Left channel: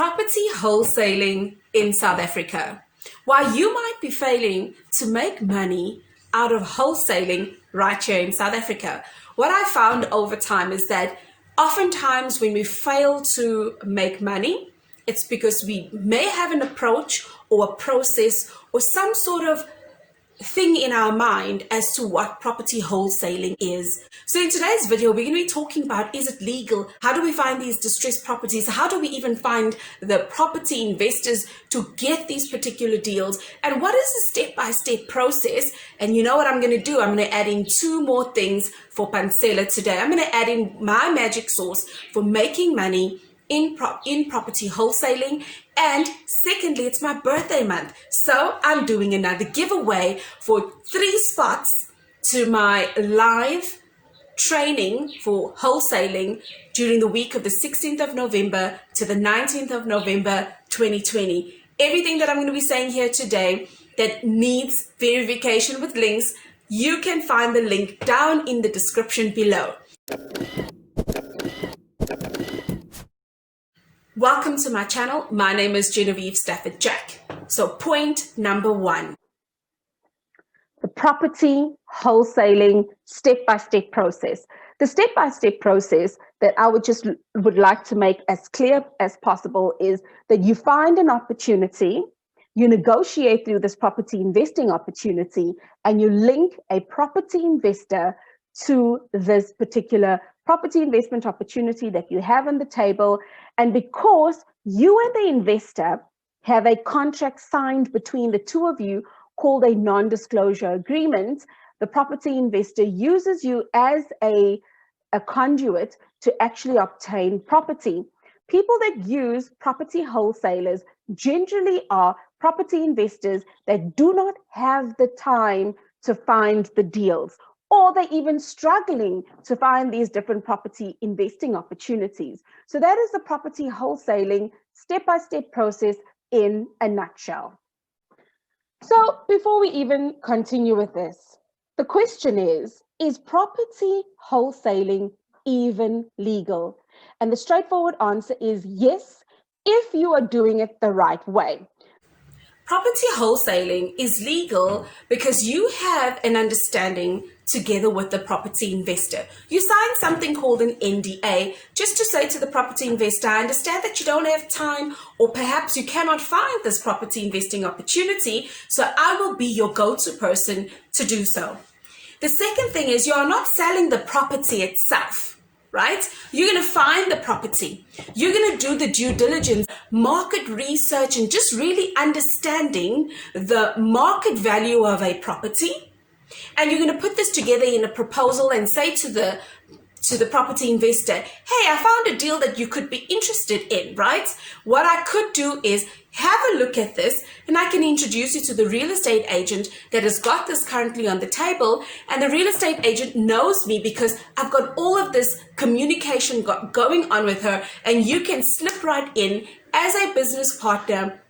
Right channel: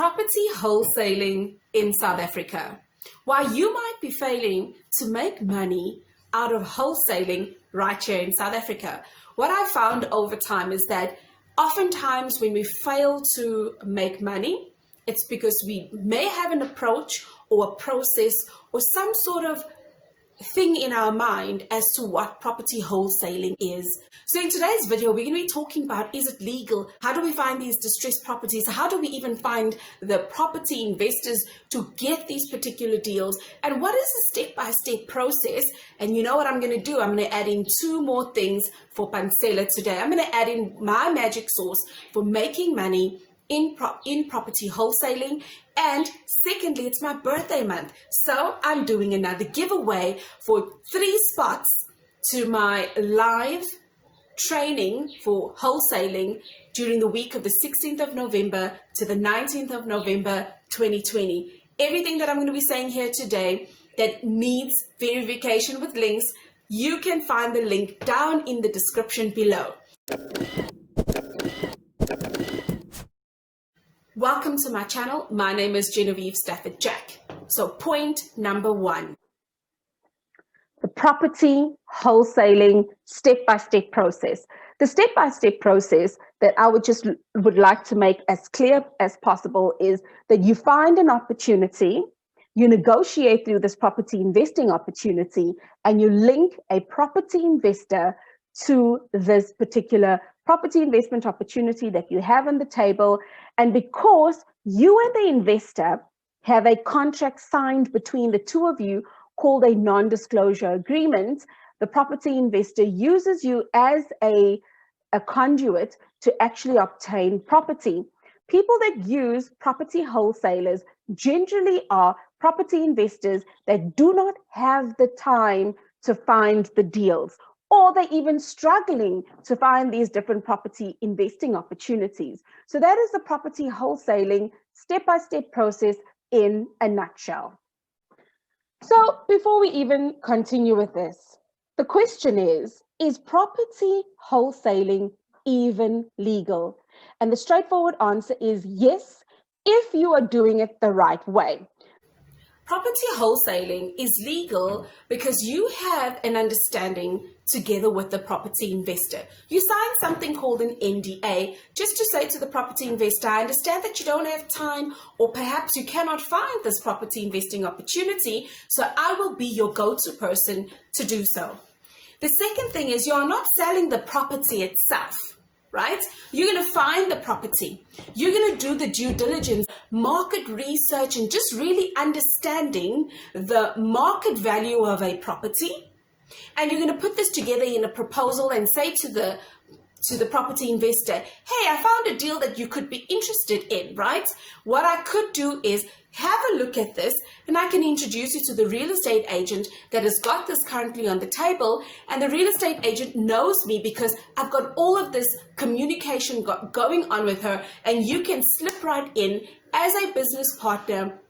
Property wholesaling in South Africa. While you might be failing to make money out of wholesaling right here in South Africa, what I found over time is that oftentimes when we fail to make money, it's because we may have an approach or a process or some sort of thing in our mind as to what property wholesaling is. So in today's video, we're going to be talking about, is it legal? How do we find these distressed properties? How do we even find the property investors to get these particular deals? And what is the step-by-step process? And you know what I'm going to do? I'm going to add in two more things for Pansela today. I'm going to add in my magic sauce for making money in property wholesaling. And secondly, it's my birthday month, so I'm doing another giveaway for 3 spots to my live training for wholesaling during the week of the 16th of November to the 19th of November 2020. Everything that I'm going to be saying here today that needs verification with links, you can find the link down in the description below. Welcome to my channel. My name is Genevieve Stafford Jack. So point number 1. The property wholesaling step-by-step process. The step-by-step process that I would like to make as clear as possible is that you find an opportunity, you negotiate through this property investing opportunity, and you link a property investor to this particular property investment opportunity that you have on the table. And because you and the investor have a contract signed between the two of you called a non-disclosure agreement, the property investor uses you as a conduit to actually obtain property. People that use property wholesalers generally are property investors that do not have the time to find the deals, or they're even struggling to find these different property investing opportunities. So that is the property wholesaling step-by-step process in a nutshell. So before we even continue with this, the question is property wholesaling even legal? And the straightforward answer is yes, if you are doing it the right way. Property wholesaling is legal because you have an understanding together with the property investor. You sign something called an NDA just to say to the property investor, I understand that you don't have time, or perhaps you cannot find this property investing opportunity, so I will be your go-to person to do so. The second thing is you are not selling the property itself. Right? You're going to find the property. You're going to do the due diligence, market research, and just really understanding the market value of a property. And you're going to put this together in a proposal and say to the property investor, hey, I found a deal that you could be interested in, right? What I could do is have a look at this, and I can introduce you to the real estate agent that has got this currently on the table. And the real estate agent knows me because I've got all of this communication going on with her, and you can slip right in as a business partner.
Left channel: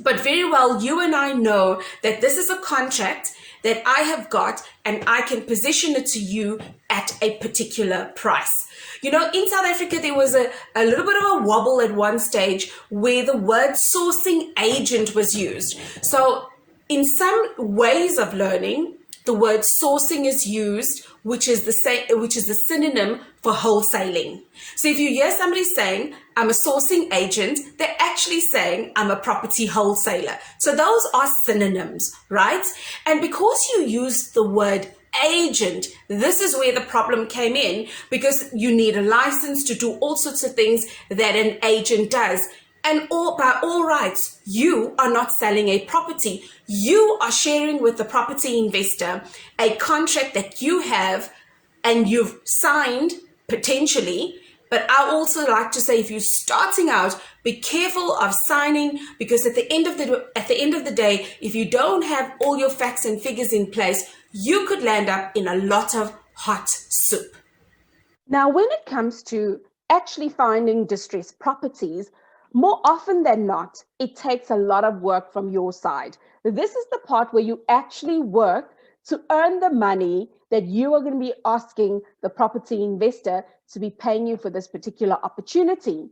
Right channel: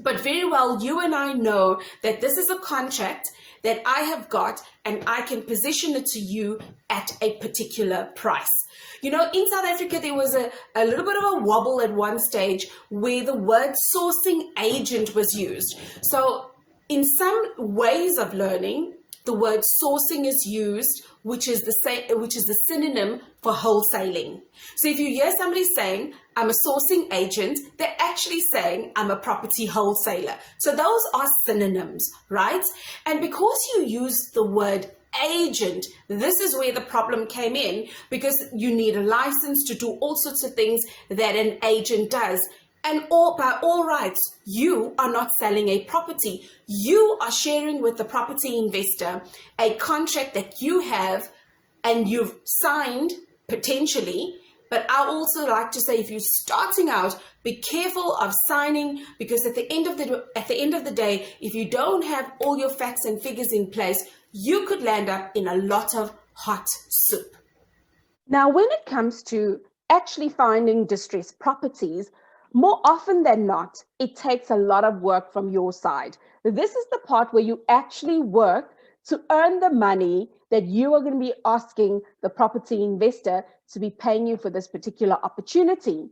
But very well, you and I know that this is a contract that I have got, and I can position it to you at a particular price. You know, in South Africa, there was a little bit of a wobble at one stage where the word sourcing agent was used. So in some ways of learning, the word sourcing is used, which is the synonym for wholesaling. So if you hear somebody saying, I'm a sourcing agent, they're actually saying, I'm a property wholesaler. So those are synonyms, right? And because you use the word agent, this is where the problem came in, because you need a license to do all sorts of things that an agent does. And by all rights, you are not selling a property. You are sharing with the property investor a contract that you have and you've signed potentially. But I also like to say, if you're starting out, be careful of signing, because at the end of the day, if you don't have all your facts and figures in place, you could land up in a lot of hot soup. Now, when it comes to actually finding distressed properties, more often than not, it takes a lot of work from your side. This is the part where you actually work to earn the money that you are going to be asking the property investor to be paying you for this particular opportunity.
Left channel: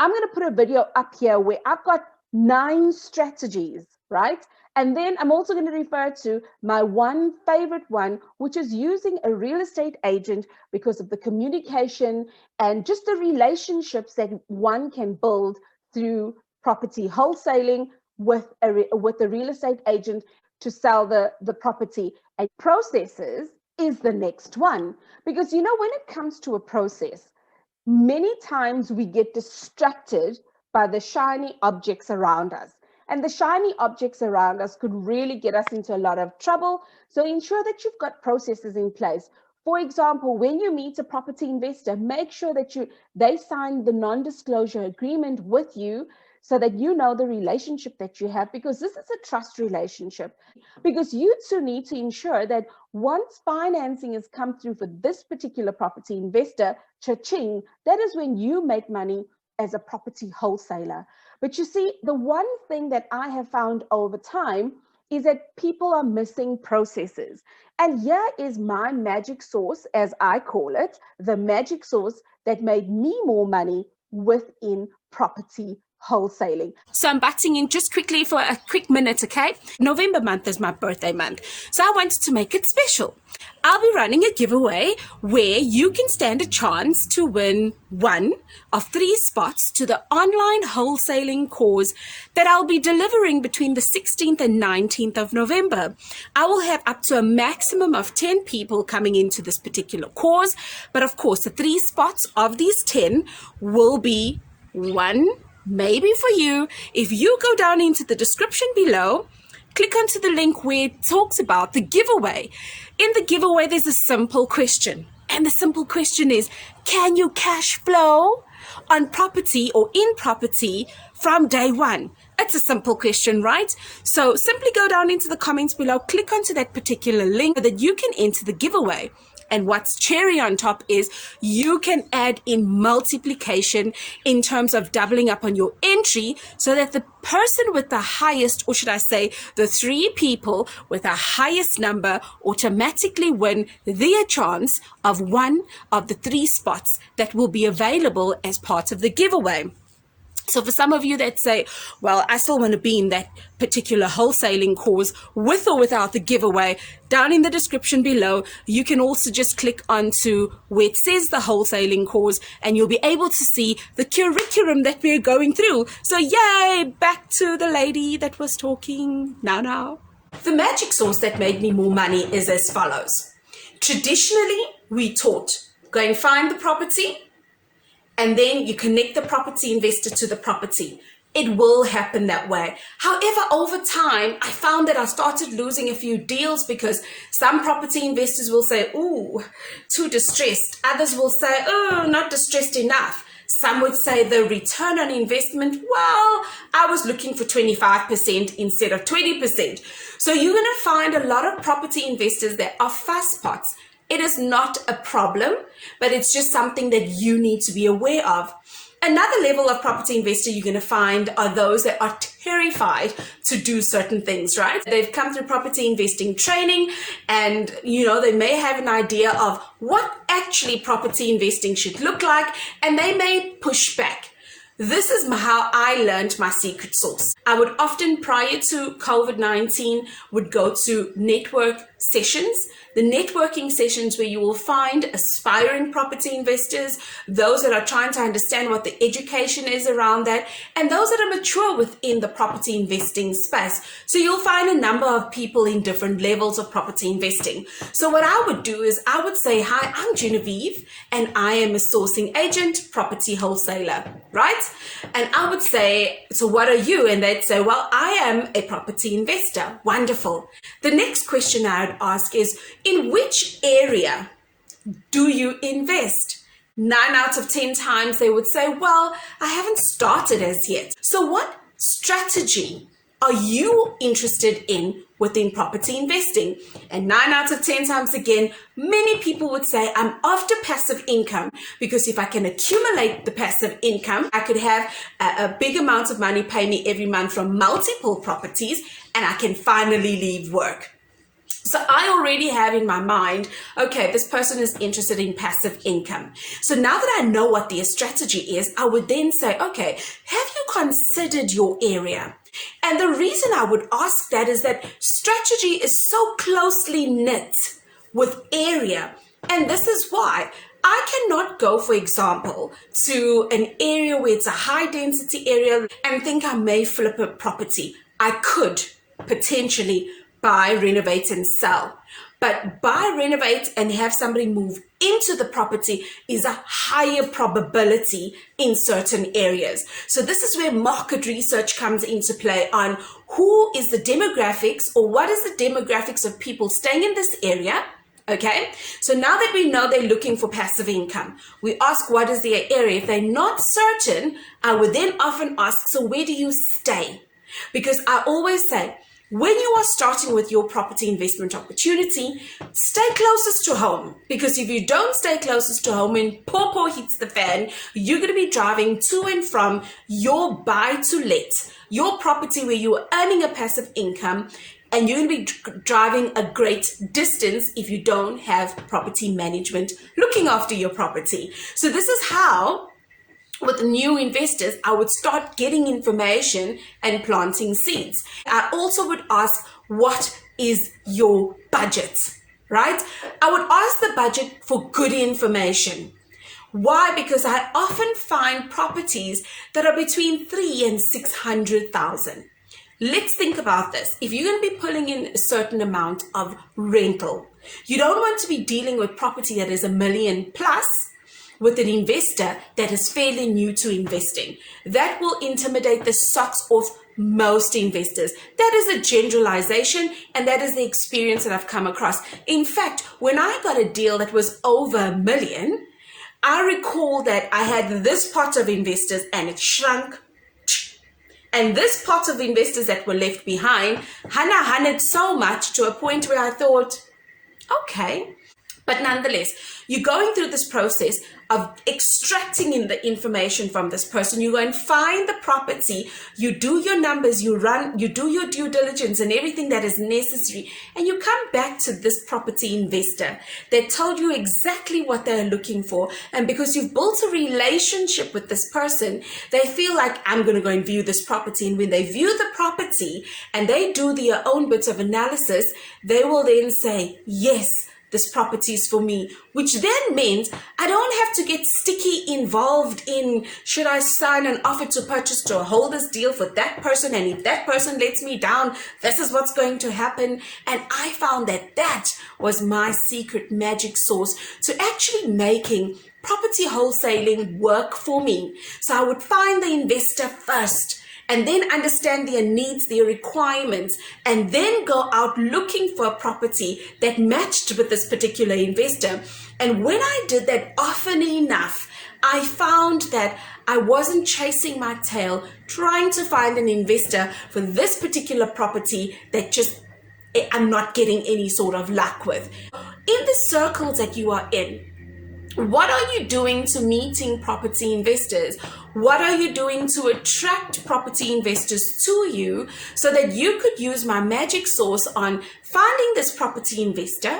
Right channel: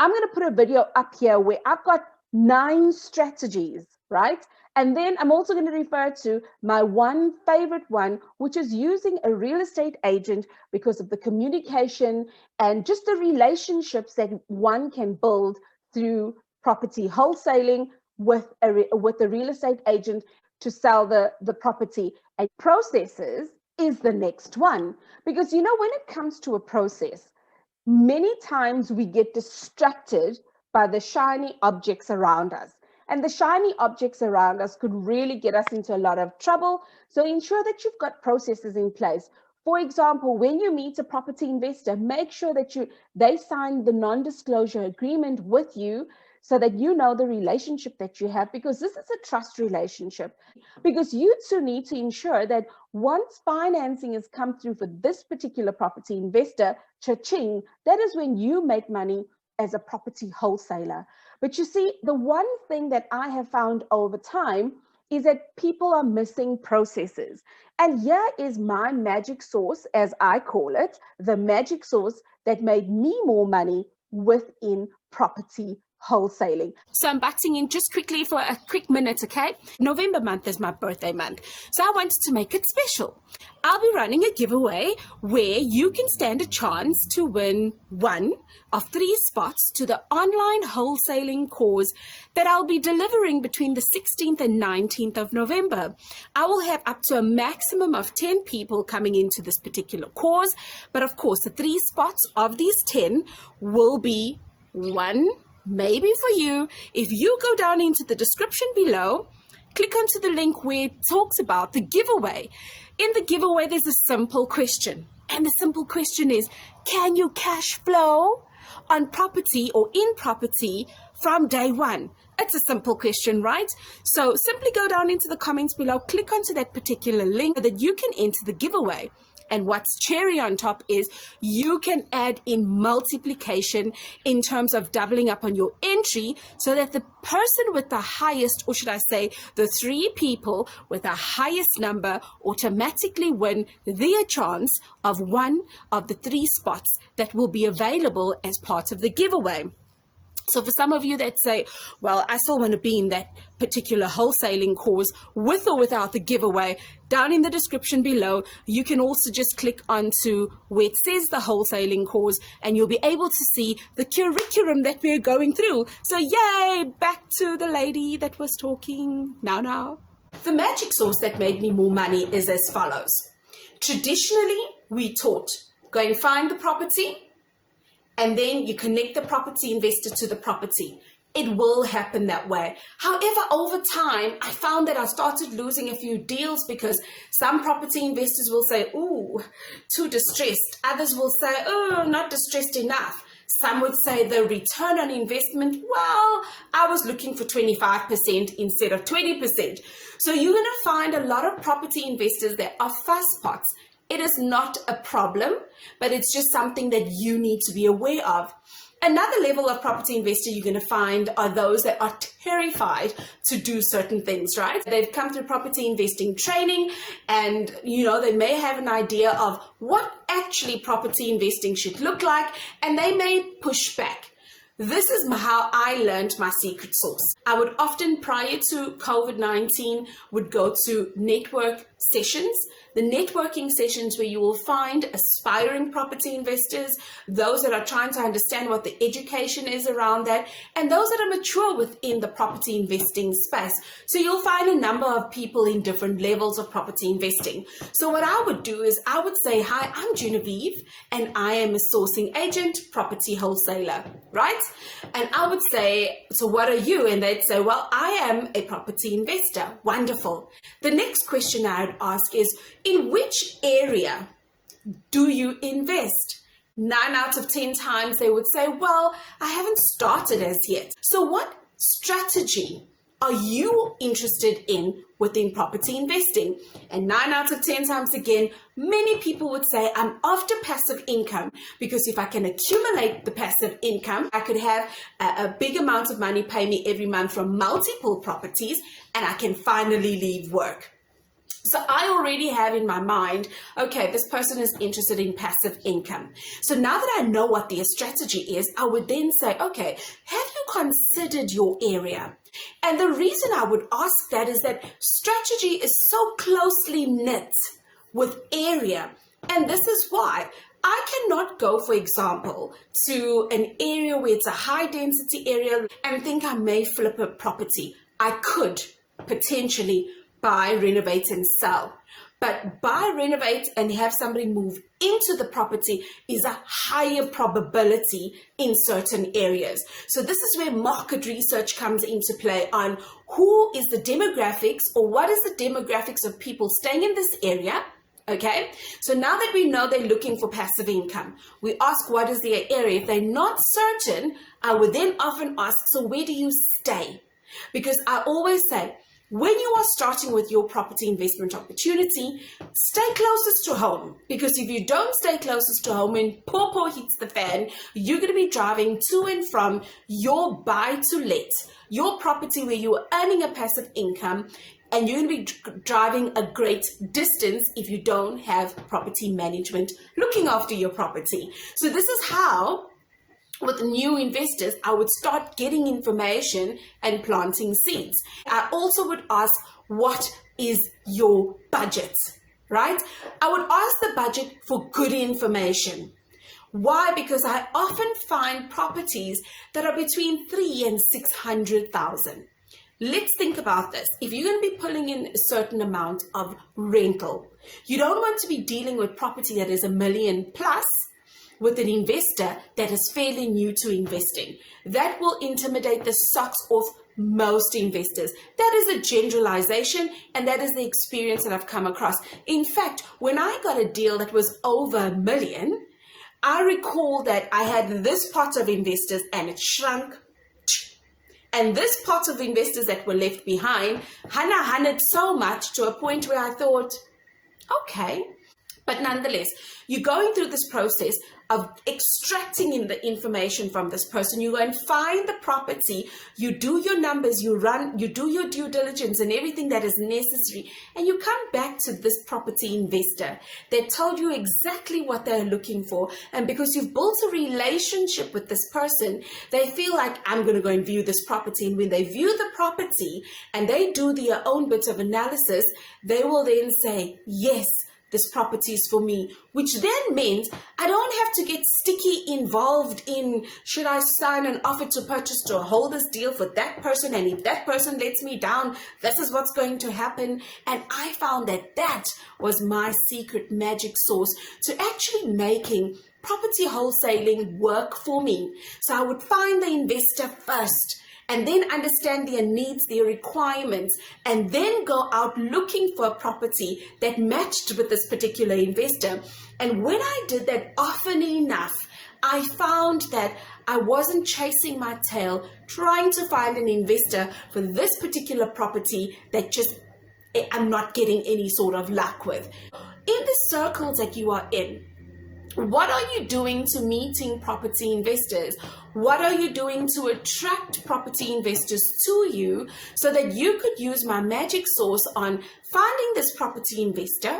I'm going to put a video up here where I've got 9 strategies, right? And then I'm also going to refer to my one favorite one, which is using a real estate agent because of the communication and just the relationships that one can build through property wholesaling with a real estate agent to sell the property. And processes is the next one, because when it comes to a process, many times we get distracted by the shiny objects around us. And the shiny objects around us could really get us into a lot of trouble. So ensure that you've got processes in place. For example, when you meet a property investor, make sure that they sign the non-disclosure agreement with you so that you know the relationship that you have, because this is a trust relationship. Because you too need to ensure that once financing has come through for this particular property investor, cha-ching, that is when you make money as a property wholesaler. But you see, the one thing that I have found over time is that people are missing processes. And here is my magic sauce, as I call it, the magic sauce that made me more money within property wholesaling. So I'm butting in just quickly for a quick minute, okay? November month is my birthday month, so I wanted to make it special. I'll be running a giveaway where you can stand a chance to win one of 3 spots to the online wholesaling course that I'll be delivering between the 16th and 19th of November. I will have up to a maximum of 10 people coming into this particular course, but of course the 3 spots of these 10 will be one maybe for you. If you go down into the description below, click onto the link where it talks about the giveaway. In the giveaway, there's a simple question. And the simple question is, can you cash flow on property or in property from day one? It's a simple question, right? So simply go down into the comments below, click onto that particular link so that you can enter the giveaway. And what's cherry on top is you can add in multiplication in terms of doubling up on your entry so that the person with the highest, or should I say, the 3 people with the highest number automatically win their chance of one of the 3 spots that will be available as part of the giveaway. So for some of you that say, well, I still want to be in that particular wholesaling course with or without the giveaway, down in the description below, you can also just click onto where it says the wholesaling course and you'll be able to see the curriculum that we're going through. So yay, back to the lady that was talking now. The magic sauce that made me more money is as follows. Traditionally, we taught go and find the property, and then you connect the property investor to the property. It will happen that way. However, over time, I found that I started losing a few deals because some property investors will say, ooh, too distressed. Others will say, oh, not distressed enough. Some would say the return on investment, well, I was looking for 25% instead of 20%. So you're going to find a lot of property investors that are fast pots. It is not a problem, but it's just something that you need to be aware of. Another level of property investor you're going to find are those that are terrified to do certain things, right? They've come through property investing training and, they may have an idea of what actually property investing should look like, and they may push back. This is how I learned my secret sauce. I would often, prior to COVID-19, would go to network sessions. The networking sessions where you will find aspiring property investors, those that are trying to understand what the education is around that, and those that are mature within the property investing space. So you'll find a number of people in different levels of property investing. So what I would do is I would say, hi, I'm Genevieve, and I am a sourcing agent, property wholesaler, right? And I would say, so what are you? And they'd say, well, I am a property investor. Wonderful. The next question I would ask is, in which area do you invest? 9 out of 10 times they would say, well, I haven't started as yet. So what strategy are you interested in within property investing? And 9 out of 10 times again, many people would say, I'm after passive income, because if I can accumulate the passive income, I could have a big amount of money pay me every month from multiple properties, and I can finally leave work. So I already have in my mind, okay, this person is interested in passive income. So now that I know what their strategy is, I would then say, okay, have you considered your area? And the reason I would ask that is that strategy is so closely knit with area. And this is why I cannot go, for example, to an area where it's a high density area and think I may flip a property. I could potentially buy, renovate, and sell. But buy, renovate, and have somebody move into the property is a higher probability in certain areas. So this is where market research comes into play on who is the demographics, or what is the demographics of people staying in this area. Okay, so now that we know they're looking for passive income, we ask what is their area. If they're not certain, I would then often ask, so where do you stay? Because I always say, when you are starting with your property investment opportunity, stay closest to home. Because if you don't stay closest to home, when poor hits the fan, you're going to be driving to and from your buy to let, your property where you're earning a passive income, and you're going to be driving a great distance if you don't have property management looking after your property. So this is how, with new investors, I would start getting information and planting seeds. I also would ask, what is your budget, right? I would ask the budget for good information. Why? Because I often find properties that are between 3 and 600,000. Let's think about this. If you're going to be pulling in a certain amount of rental, you don't want to be dealing with property that is $1 million plus with an investor that is fairly new to investing. That will intimidate the socks off most investors. That is a generalization, and that is the experience that I've come across. In fact, when I got a deal that was over $1 million, I recall that I had this pot of investors and it shrunk. And this pot of investors that were left behind, hunted so much to a point where I thought, okay. But nonetheless, you're going through this process of extracting in the information from this person. You go and find the property, you do your numbers, you do your due diligence and everything that is necessary. And you come back to this property investor that told you exactly what they're looking for. And because you've built a relationship with this person, they feel like, I'm going to go and view this property. And when they view the property and they do their own bits of analysis, they will then say, yes, this property is for me, which then means I don't have to get sticky involved in, should I sign an offer to purchase to hold this deal for that person? And if that person lets me down, this is what's going to happen. And I found that that was my secret magic sauce to actually making property wholesaling work for me. So I would find the investor first, and then understand their needs, their requirements, and then go out looking for a property that matched with this particular investor. And when I did that often enough, I found that I wasn't chasing my tail, trying to find an investor for this particular property that just I'm not getting any sort of luck with. In the circles that you are in, what are you doing to meeting property investors? What are you doing to attract property investors to you so that you could use my magic sauce on finding this property investor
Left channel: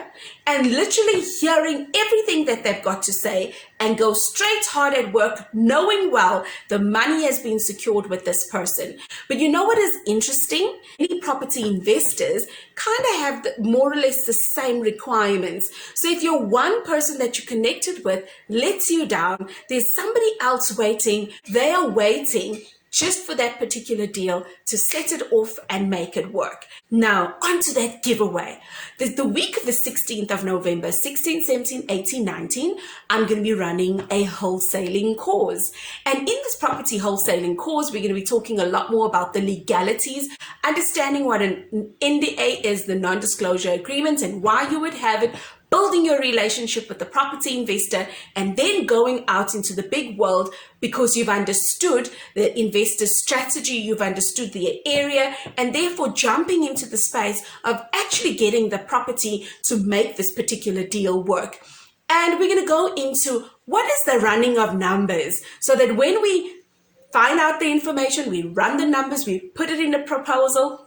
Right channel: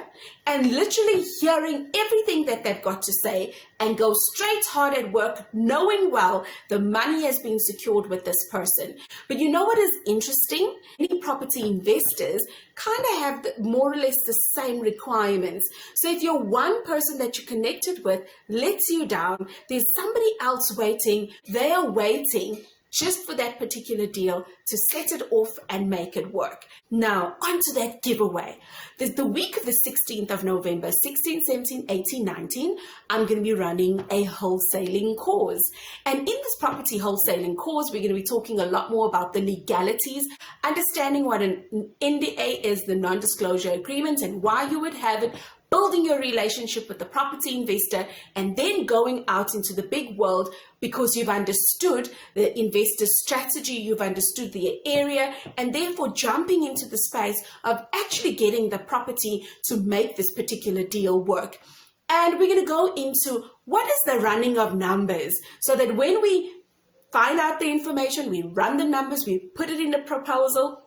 and literally hearing everything that they've got to say and go straight hard at work, knowing well the money has been secured with this person. But you know what is interesting? Many property investors kind of have more or less the same requirements. So if you're one person that you're connected with lets you down, there's somebody else waiting. They are waiting just for that particular deal to set it off and make it work. Now, onto that giveaway. The week of the 16th of November, 16, 17, 18, 19, I'm going to be running a wholesaling course. And in this property wholesaling course, we're going to be talking a lot more about the legalities, understanding what an NDA is, the non-disclosure agreement, and why you would have it, building your relationship with the property investor, and then going out into the big world because you've understood the investor's strategy, you've understood the area, and therefore jumping into the space of actually getting the property to make this particular deal work. And we're going to go into what is the running of numbers so that when we find out the information, we run the numbers, we put it in a proposal,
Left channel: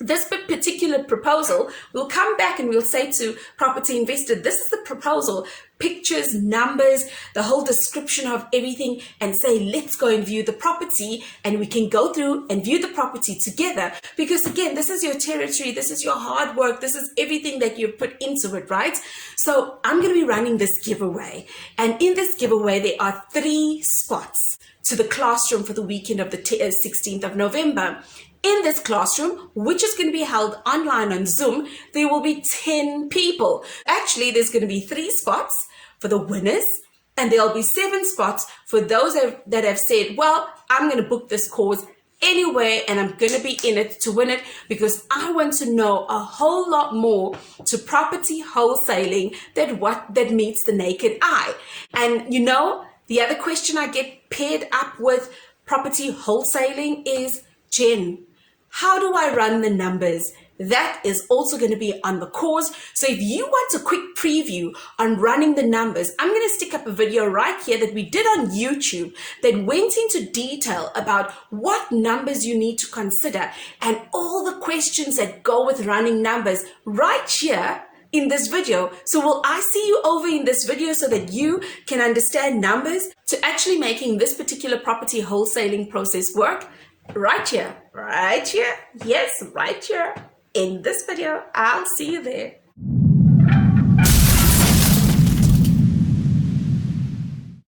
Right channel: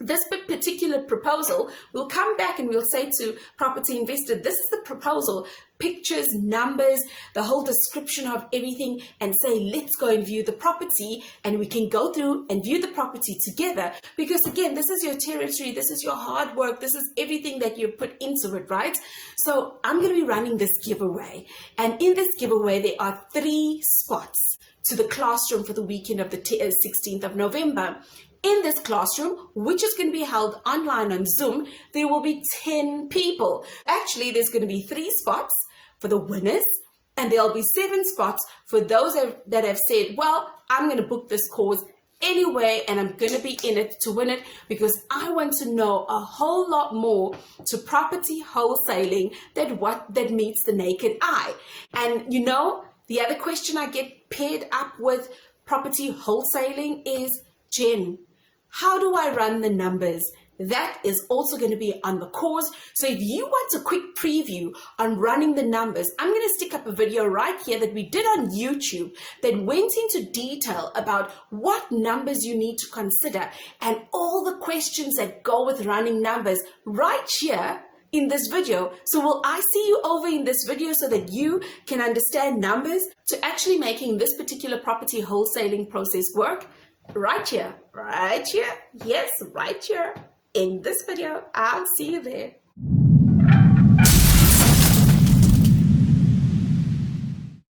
this particular proposal, we'll come back and we'll say to property investor, this is the proposal, pictures, numbers, the whole description of everything, and say, let's go and view the property, and we can go through and view the property together. Because again, this is your territory, this is your hard work, this is everything that you've put into it, right? So I'm going to be running this giveaway, and in this giveaway, there are 3 spots to the classroom for the weekend of the 16th of November. In this classroom, which is going to be held online on Zoom, there will be 10 people. Actually, there's going to be 3 spots for the winners, and there'll be 7 spots for those that have said, well, I'm going to book this course anyway, and I'm going to be in it to win it, because I want to know a whole lot more to property wholesaling than what that meets the naked eye. And you know, the other question I get paired up with property wholesaling is, Jen, how do I run the numbers? That is also going to be on the course. So if you want a quick preview on running the numbers, I'm going to stick up a video right here that we did on YouTube that went into detail about what numbers you need to consider and all the questions that go with running numbers right here in this video. So will I see you over in this video so that you can understand numbers to actually making this particular property wholesaling process work? Right here, yes, right here in this video. I'll see you there.